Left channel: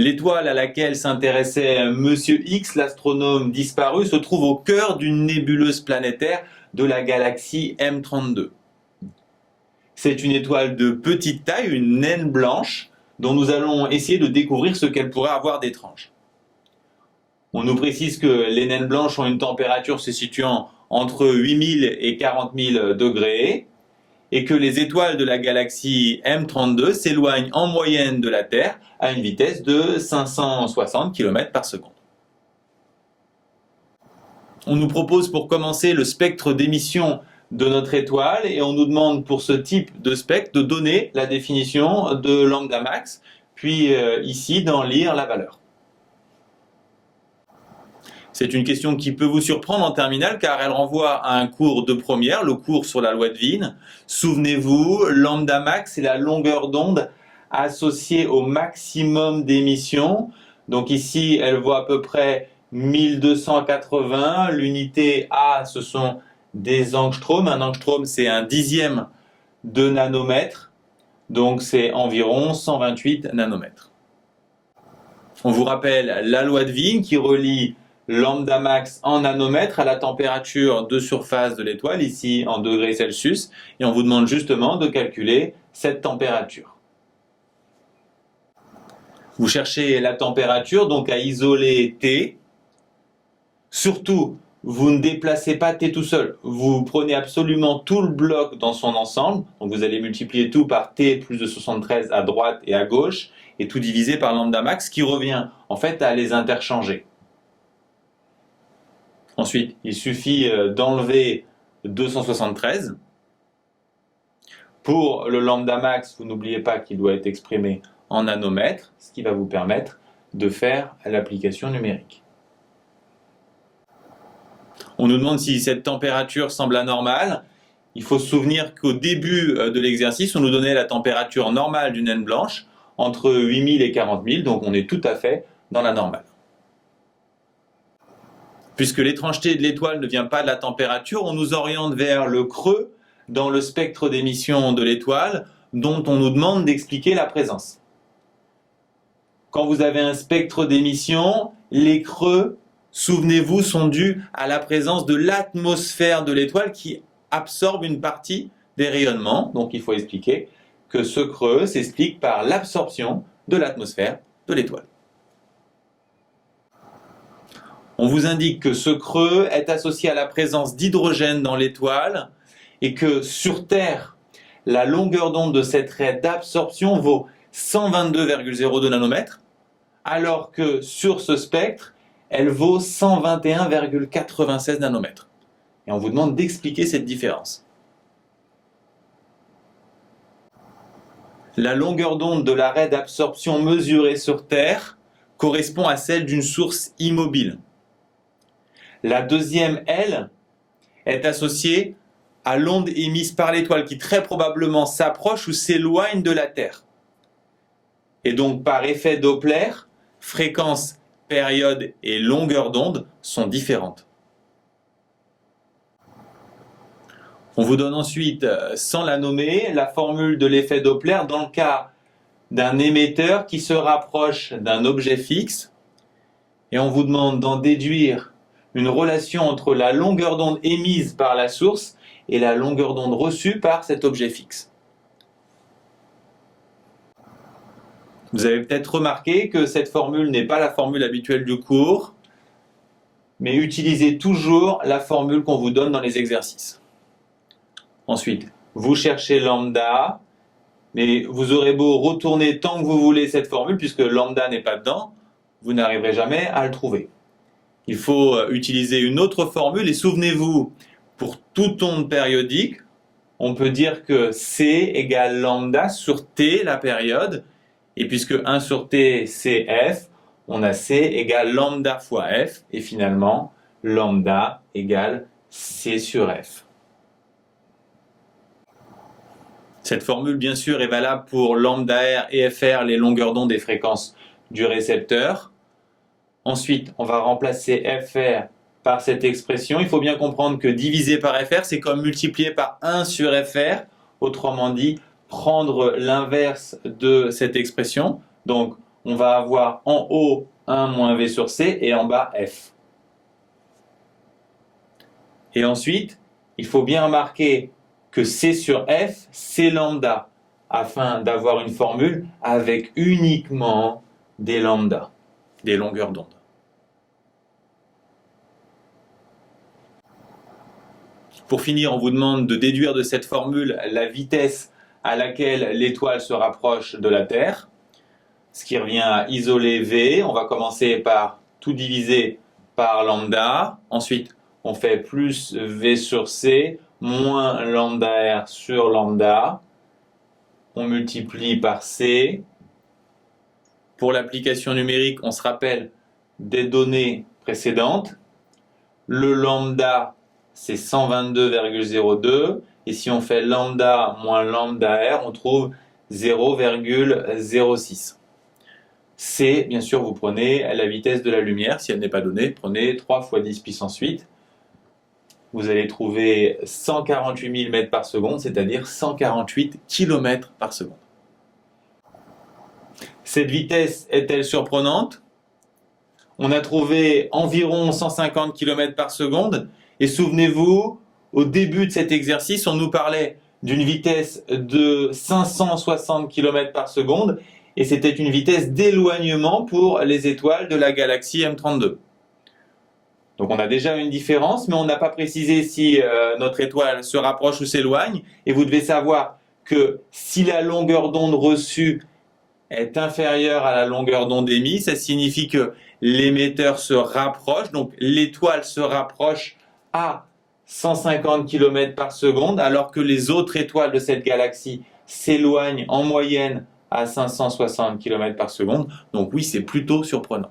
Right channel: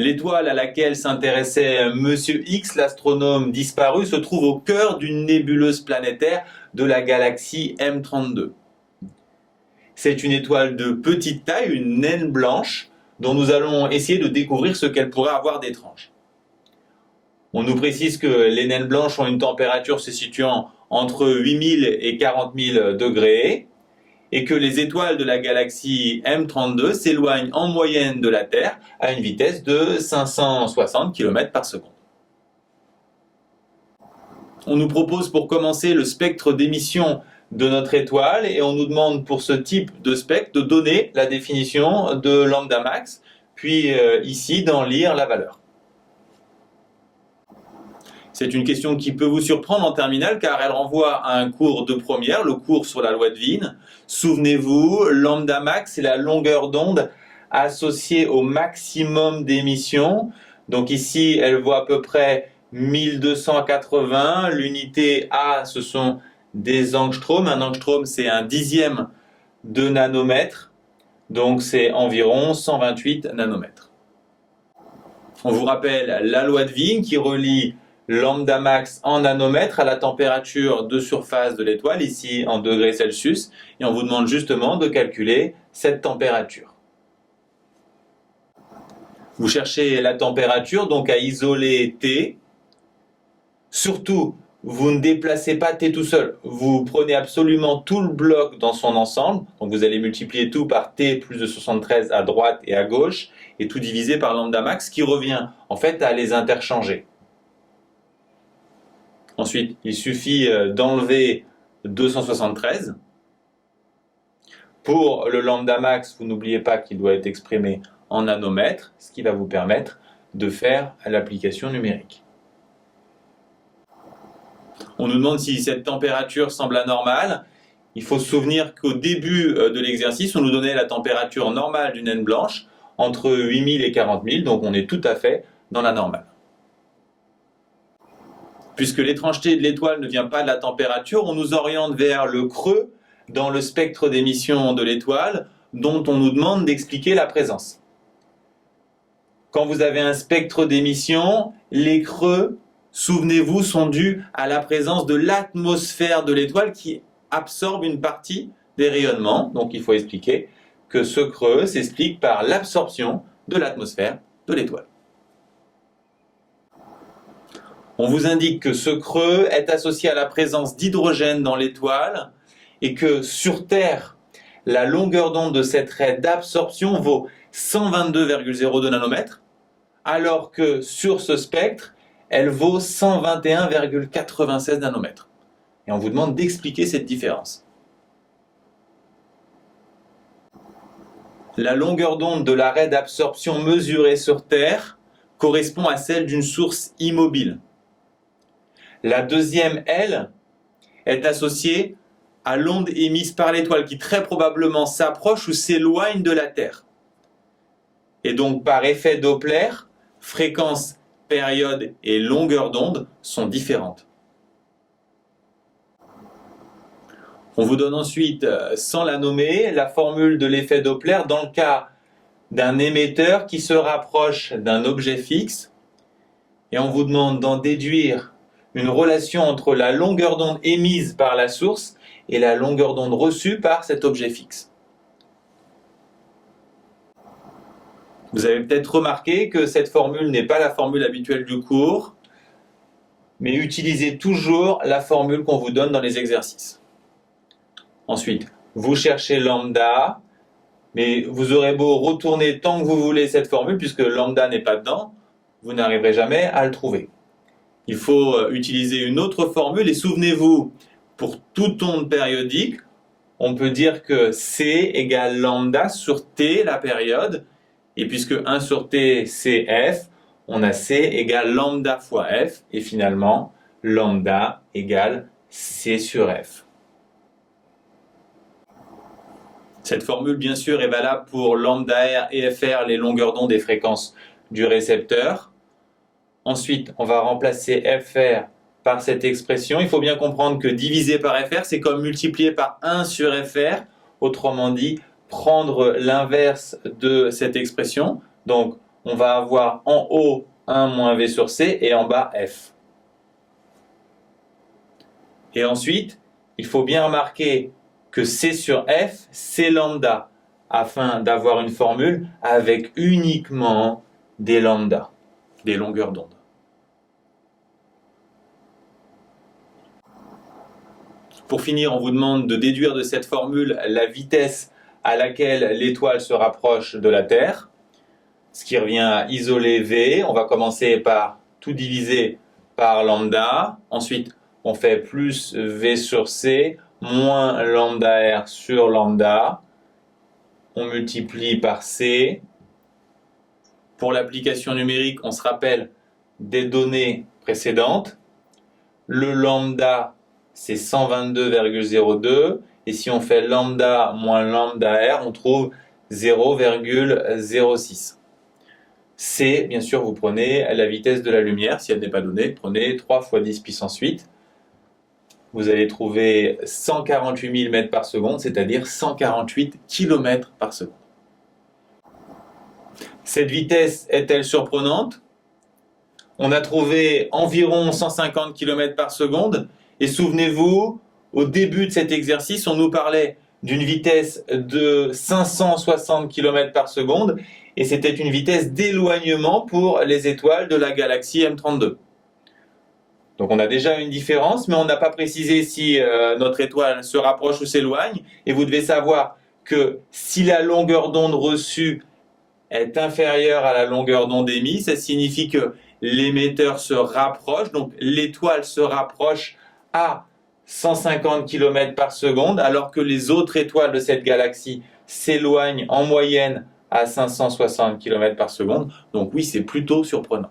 L'étoile à laquelle s'intéressait Monsieur X, l'astronome disparu, se trouve au cœur d'une nébuleuse planétaire de la galaxie M32. C'est une étoile de petite taille, une naine blanche, dont nous allons essayer de découvrir ce qu'elle pourrait avoir d'étrange. On nous précise que les naines blanches ont une température se situant entre 8000 et 40 000 degrés et que les étoiles de la galaxie M32 s'éloignent en moyenne de la Terre à une vitesse de 560 km par seconde. On nous propose pour commencer le spectre d'émission de notre étoile et on nous demande pour ce type de spectre de donner la définition de lambda max, puis ici d'en lire la valeur. C'est une question qui peut vous surprendre en terminale car elle renvoie à un cours de première, le cours sur la loi de Wien. Souvenez-vous, lambda max, c'est la longueur d'onde associée au maximum d'émission. Donc ici, elle vaut à peu près 1280. L'unité A, ce sont des angstroms. Un angstrom, c'est un dixième de nanomètre. Donc c'est environ 128 nanomètres. On vous rappelle la loi de Wien qui relie lambda max en nanomètres à la température de surface de l'étoile, ici en degrés Celsius, et on vous demande justement de calculer cette température. Vous cherchez la température, donc à isoler T. Surtout, vous ne déplacez pas T tout seul. Vous prenez absolument tout le bloc dans son ensemble, donc vous allez multiplier tout par T plus de 73 à droite et à gauche, et tout diviser par lambda max, qui revient en fait à les interchanger. Ensuite, il suffit d'enlever 273. Pour le lambda max, vous n'oubliez pas qu'il doit être exprimé en nanomètres, ce qui va vous permettre de faire l'application numérique. On nous demande si cette température semble anormale. Il faut se souvenir qu'au début de l'exercice, on nous donnait la température normale d'une naine blanche entre 8000 et 40 000, donc on est tout à fait dans la normale. Puisque l'étrangeté de l'étoile ne vient pas de la température, on nous oriente vers le creux dans le spectre d'émission de l'étoile dont on nous demande d'expliquer la présence. Quand vous avez un spectre d'émission, les creux, souvenez-vous, sont dus à la présence de l'atmosphère de l'étoile qui absorbe une partie des rayonnements. Donc il faut expliquer que ce creux s'explique par l'absorption de l'atmosphère de l'étoile. On vous indique que ce creux est associé à la présence d'hydrogène dans l'étoile et que sur Terre, la longueur d'onde de cette raie d'absorption vaut 122,02 nanomètres, alors que sur ce spectre, elle vaut 121,96 nanomètres. Et on vous demande d'expliquer cette différence. La longueur d'onde de la raie d'absorption mesurée sur Terre correspond à celle d'une source immobile. La deuxième, elle, est associée à l'onde émise par l'étoile qui très probablement s'approche ou s'éloigne de la Terre. Et donc par effet Doppler, fréquence, période et longueur d'onde sont différentes. On vous donne ensuite, sans la nommer, la formule de l'effet Doppler dans le cas d'un émetteur qui se rapproche d'un objet fixe et on vous demande d'en déduire une relation entre la longueur d'onde émise par la source et la longueur d'onde reçue par cet objet fixe. Vous avez peut-être remarqué que cette formule n'est pas la formule habituelle du cours, mais utilisez toujours la formule qu'on vous donne dans les exercices. Ensuite, vous cherchez lambda, mais vous aurez beau retourner tant que vous voulez cette formule, puisque lambda n'est pas dedans, vous n'arriverez jamais à le trouver. Il faut utiliser une autre formule et souvenez-vous, pour toute onde périodique, on peut dire que C égale lambda sur T, la période, et puisque 1 sur T c'est F, on a C égale lambda fois F, et finalement lambda égale C sur F. Cette formule bien sûr est valable pour lambda R et FR, les longueurs d'onde et fréquences du récepteur. Ensuite, on va remplacer FR par cette expression. Il faut bien comprendre que diviser par FR, c'est comme multiplier par 1 sur FR. Autrement dit, prendre l'inverse de cette expression. Donc, on va avoir en haut 1 moins v sur c et en bas f. Et ensuite, il faut bien remarquer que c sur f, c'est lambda, afin d'avoir une formule avec uniquement des lambda, des longueurs d'onde. Pour finir, on vous demande de déduire de cette formule la vitesse à laquelle l'étoile se rapproche de la Terre, ce qui revient à isoler V. On va commencer par tout diviser par lambda. Ensuite, on fait plus V sur C moins lambda R sur lambda. On multiplie par C. Pour l'application numérique, on se rappelle des données précédentes. Le lambda, c'est 122,02. Et si on fait lambda moins lambda R, on trouve 0,06. C, bien sûr, vous prenez la vitesse de la lumière. Si elle n'est pas donnée, prenez 3 fois 10 puissance 8. Vous allez trouver 148 000 mètres par seconde, c'est-à-dire 148 km par seconde. Cette vitesse est-elle surprenante? On a trouvé environ 150 km par seconde. Et souvenez-vous, au début de cet exercice, on nous parlait d'une vitesse de 560 km par seconde. Et c'était une vitesse d'éloignement pour les étoiles de la galaxie M32. Donc on a déjà une différence, mais on n'a pas précisé si notre étoile se rapproche ou s'éloigne. Et vous devez savoir que si la longueur d'onde reçue est inférieure à la longueur d'onde émise, ça signifie que l'émetteur se rapproche, donc l'étoile se rapproche à 150 km par seconde, alors que les autres étoiles de cette galaxie s'éloignent en moyenne à 560 km par seconde. Donc oui, c'est plutôt surprenant.